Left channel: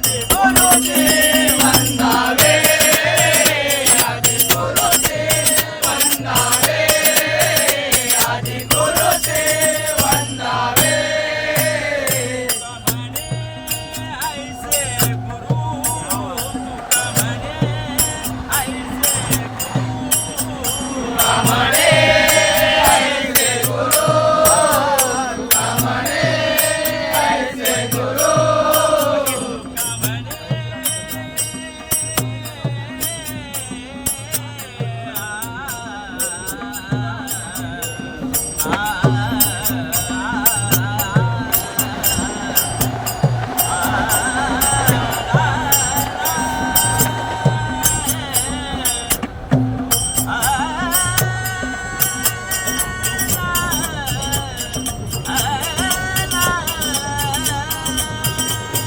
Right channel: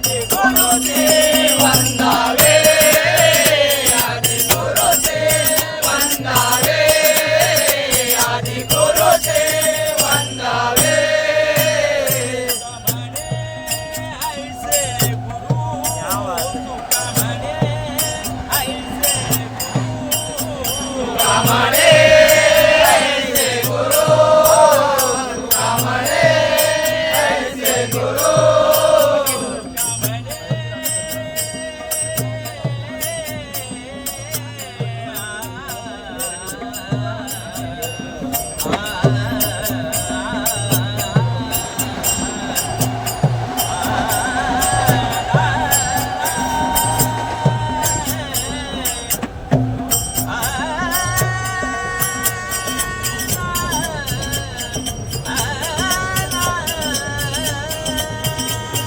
de Gorotei.